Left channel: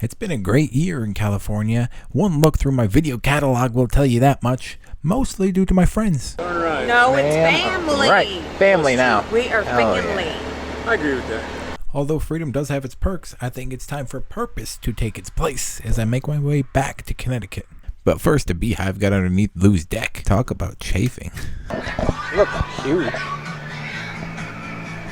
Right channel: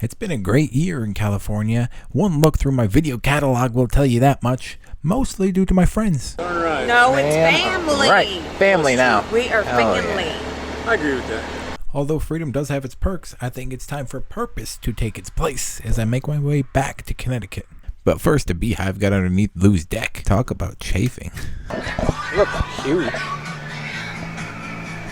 It's been a great year in California. One look through my video catalog will tell you that much, mostly due to my friends. No, it's family. Right, family now. We are family. Yeah. I agree with that. Although freedom does have its perks, I think it's time for purpose to take its place as I make my way back to Connecticut. But first, a beehive got underneath Lou's deck. Talk about chafing. Look, huge.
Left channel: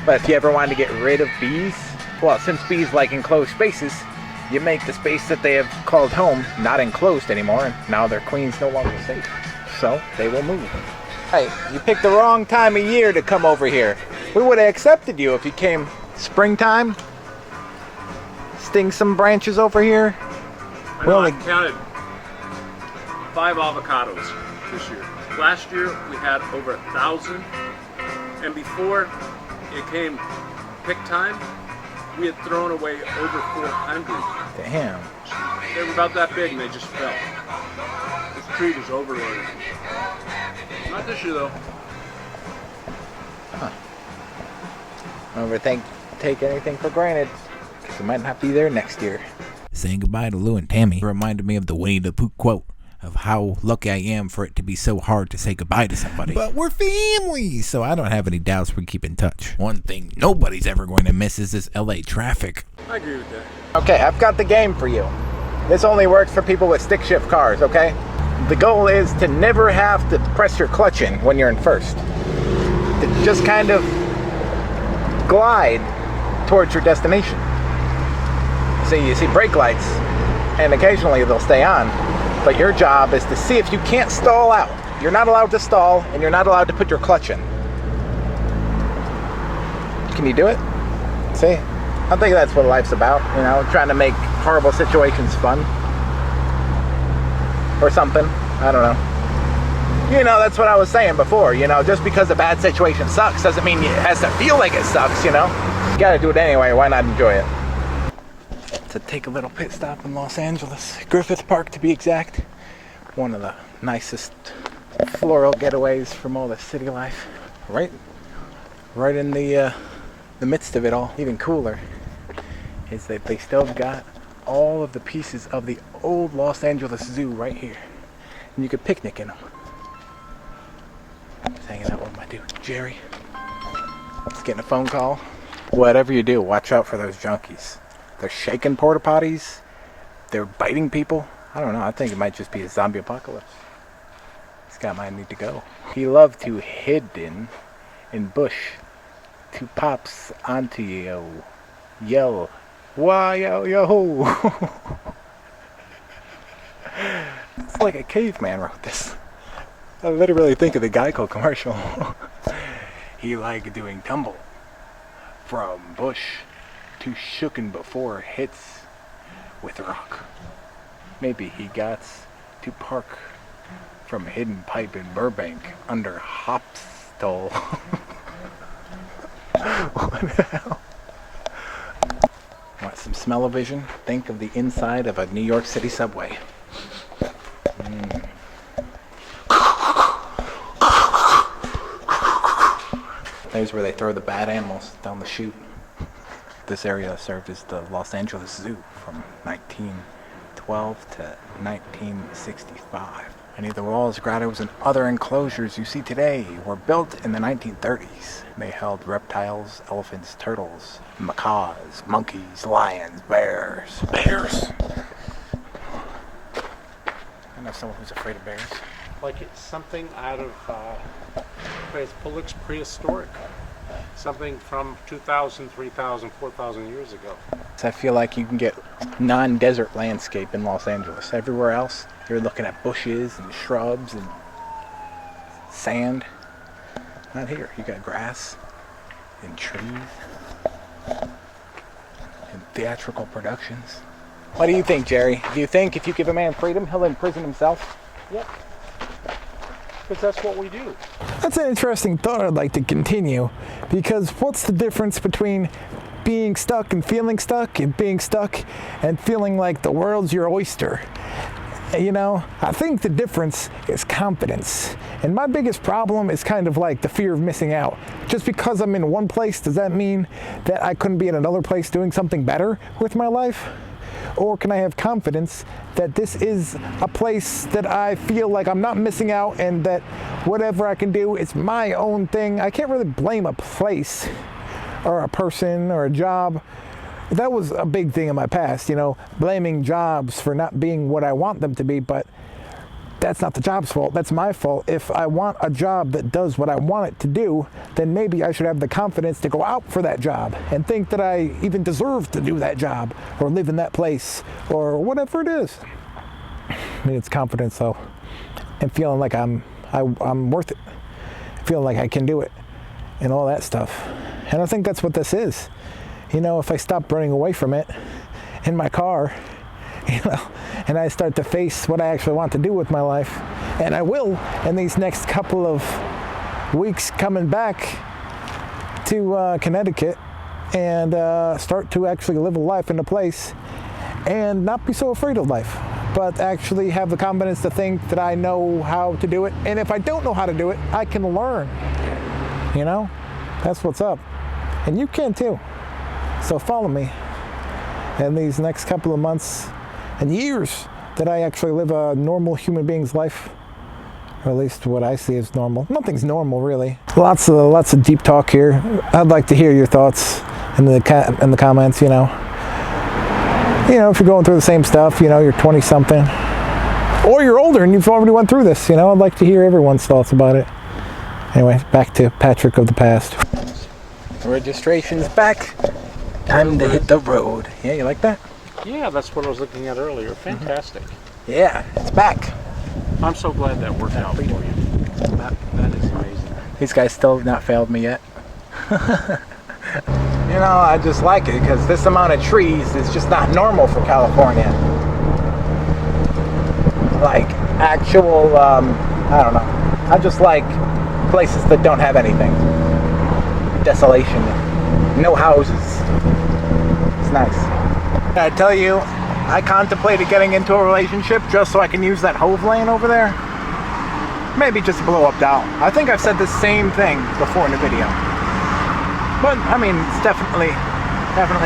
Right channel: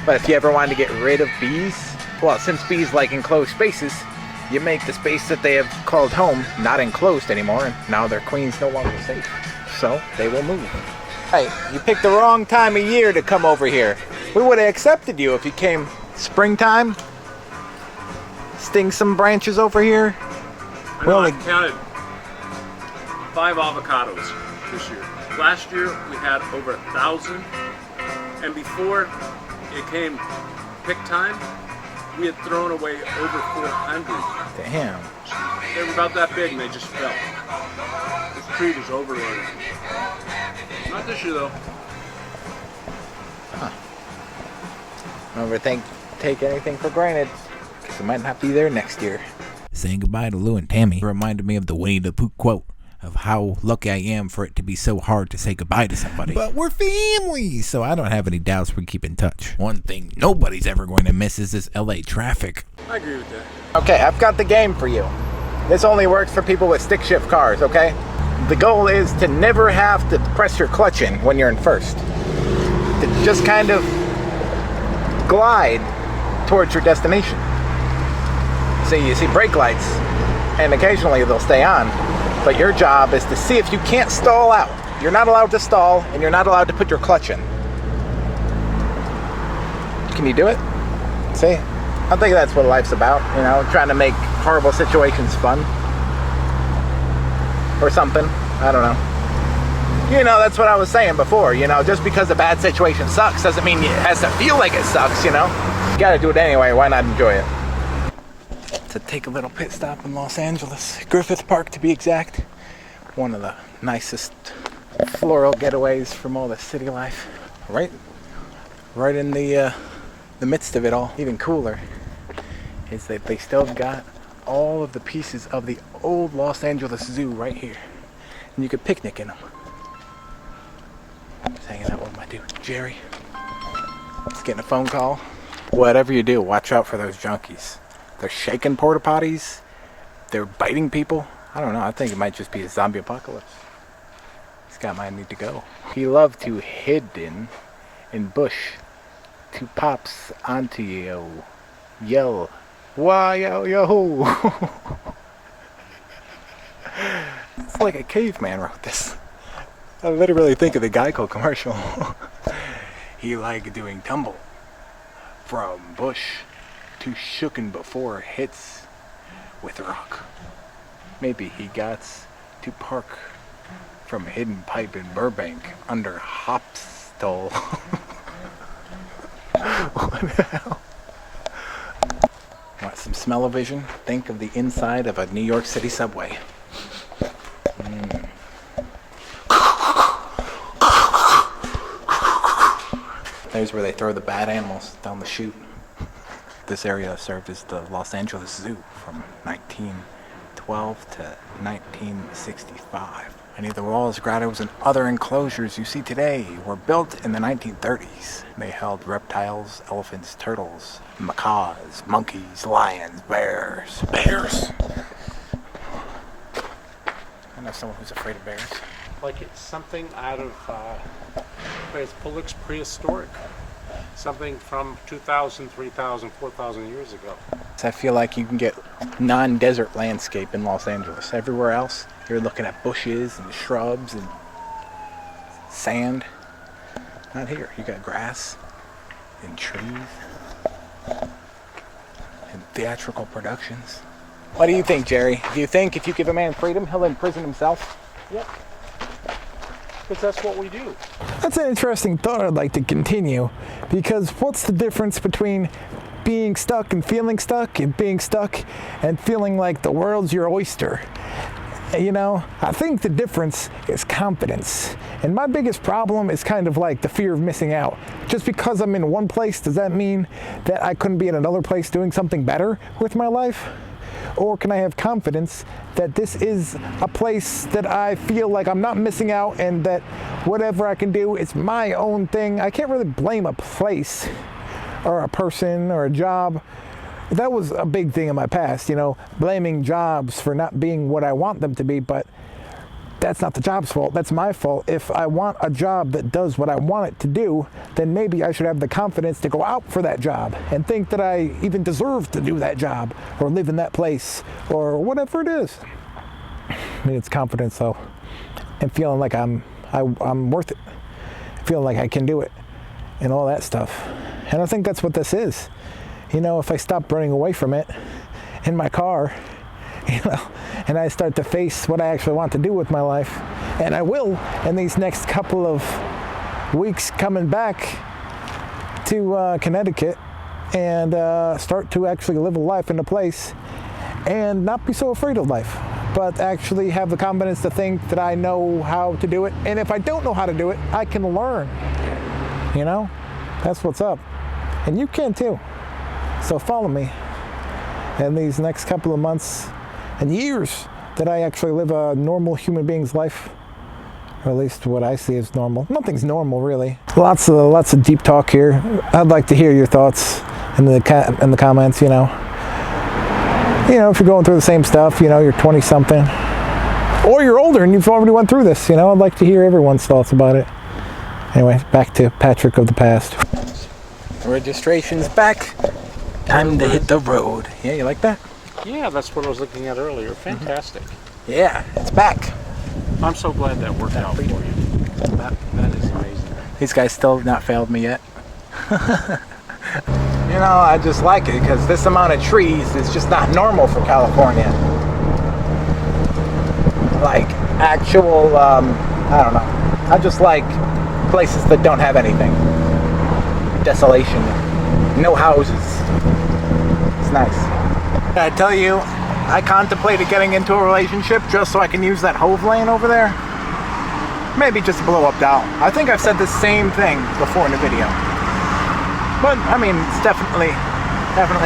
But if you ever wanted to get rid of bees, well, since bees like enclosed spaces, you make the space that they have called home not enclosed anymore, and now their queen's no longer safe. So they will move. Hey, you picked the wrong time of year to come over here. We would have accepted you if you came springtime. Sting some branches over here. I know I counted 5 avocados this year. Last year we had over 1,000, and before it came pick time, we had thrown away over 400. Damn. They were about that big and they just fell. This tree was overloaded. Not this year though. Huh. Never take anything for granted, because we might not be there next year. Saying goodbye to Lou and Tammy reminded me of the Winnie the Pooh quote of how lucky I am for it to be so hard to say goodbye to somebody. But we're family, so I don't have any doubts we keep in touch. One thing nobody's ever going to miss is this LA traffic. I agree with that. Okay, I've got the game for you. This only works for people with stick shift cars, okay? The goal is to never have to press your clutch in when you're in first. To just kind of glide towards your destination. So you see brake lights, and occasionally they'll stay on, but your job is to see if you can't stall out. You're not allowed to stall, and you're not allowed to put your clutch in. Can you do it? See? I think that's what life's about, you know, trying to make horrible situations fun. Or something. I don't know. You know, that's what I was saying before, you know, just because a bad situation sucks doesn't mean it has to feel like it sucks, you know? You gotta do it anyway, why not enjoy it? To take a little pit stop in Los Angeles, Griffith Park to be exact. One of the nicest floral getaways from all the city life. Right in the midst of it all. Even cooler is that they still got all of the pieces of the old Los Angeles Zoo right here. And you could picnic in them. Just hanging out with my dude, Jerry. Just getting a phone call. Whatever you do, watch out for those junkies. They're shaking porta potties. They're biting people. I don't know. I think it might just be a zombie apocalypse. This guy might need to go. He loved to hidden in bush. To pops onto you. Yell. Why yo yo. It's like a caveman wrote this. I literally think of the Geico commercial. He liked doing tumble from bush to shooken before hits with rock. Maybe he got to park from a hidden pipe in Burbank under Hopstall. What the hell? Want some smell-o-vision? Think of the inside of a New York City subway. There's where they throw the bad animals down the chute. This area served as the Los Angeles Zoo from 1912 to 1965. Many of the walls, grottos, and other enclosures you see today were built in the 1930s. They held reptiles, elephants, turtles, macaws, monkeys, lions, bears. Bears! I know someone who's afraid of bears. Like it's something out of prehistoric. Something from 2,000, 3,000, 4,000 years ago. I feel like you can get non-desert landscape in Los Angeles. Everywhere else, you're looking at bushes and shrubs and sand. Not here. You got grass and trees and theatrical productions. What do you think, Jerry? Do you think if you give a man freedom, he'll imprison himself? Yep. Because that's what we do. That's an interesting thought I'd like to continue, because what's the difference between being stuck and feeling stuck and being stuck and feeling like the world's your oyster? You know, I think the difference is confidence. And my biggest problem is kind of like the fear of missing out. Just because I'm in one place, does that mean that I couldn't be in another place doing something better with my life? Or can I have confidence that this is a place that I feel like I'm not missing out, and that whatever I can do, it's my own thing. I can't really blame a place or a person or a job. That was a big thing in my past, blaming jobs for not being what I want them to be, but that's not the job's fault. That's my fault. If I want a job that does what I want it to do, then maybe I should have the confidence to go out for that job and think that I even deserve to do that job or live in that place or whatever it is. I mean, it's confidence though, and feeling like I'm worth it, feeling like I can do it, and all that stuff. And I think that's what this is. If I stop running away from it in my car, and I start to face what I actually want to do with my life, and I will in these next couple of weeks coming back to Connecticut, and start to actually live a life in a place and not be so afraid of life, but actually have the confidence to think that I know how to do it. And if I don't know how to do it, I can learn. That's what's up. And you can too. So follow me in these next couple of months and years that I actually live a normal human being's life, or at least what I see as normal. Nothing's normal, really. Lots of deep talk here. I'd like to hear your thoughts in the comments. If you're going through the same stuff, you're 20-something, or you're older and you've already went through this. I'd like to hear everyone's thoughts about it. Anyway, back to Patrick of the past. Registration's back. Time to hit the road. Yeah, you like that? Yeah, that's what I was looking at earlier. Fantastic. Yeah, it's back. I'm so glad that worked out for you. That is amazing. These guys still have not failed me yet. I just like it because this amount of trees is just not normal for California. Like actual, I don't know. I just like places that don't have anything. Desolation. No houses. It's nice. I tell you, I contemplated getting into a relationship just so I can use that Hove lane over there. Maybe just a blow-up doll. I think I've said the same thing before in the video. But, I mean, it's definitely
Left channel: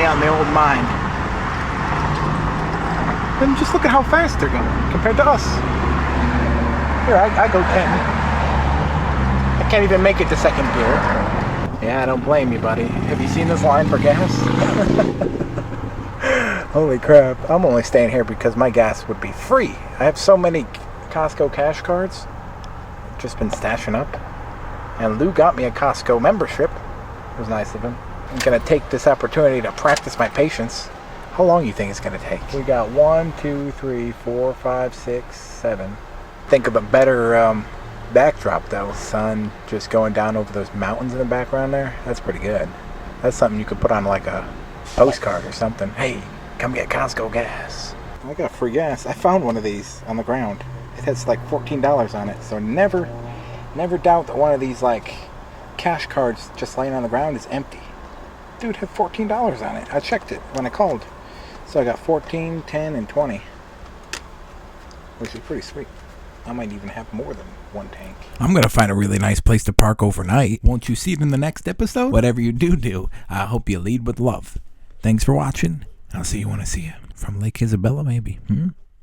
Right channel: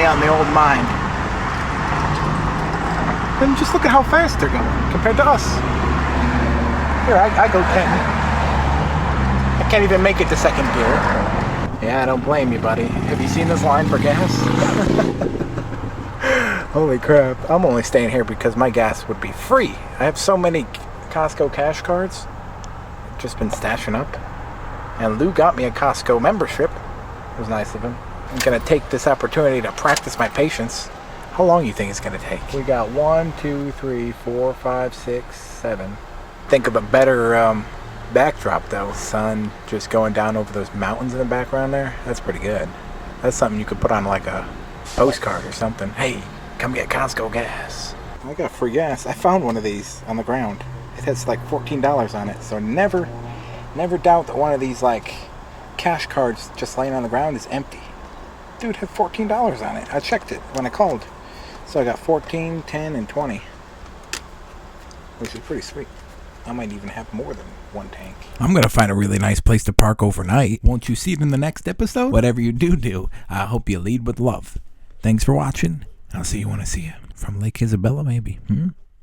on the old mind. And just look at how fast they're going compared to us. Here, I go 10. I can't even make it to second gear. Yeah, I don't blame you, buddy. Have you seen this line for gas? Holy crap. I'm only staying here because my gas would be free. I have so many Costco cash cards. Just been stashing up. And Lou got me a Costco membership. It was nice of him. I'm going to take this opportunity to practice my patience. How long do you think it's going to take? We got 1, 2, 3, 4, 5, 6, 7. Think of a better backdrop though. Sun just going down over those mountains in the background there. That's pretty good. That's something you could put on like a postcard or something. Hey, come get Costco gas. I got free gas. I found one of these on the ground. It has like $14 on it. So never doubt that one of these like cash cards just laying on the ground is empty. Dude had $14 on it. I checked it when I called. So I got 14, 10, and 20. Which is pretty sweet. I might even have more than one tank. I'm going to find a really nice place to park overnight. Won't you see it in the next episode? Whatever you do, I hope you lead with love. Thanks for watching. I'll see you when I see you. From Lake Isabella, maybe.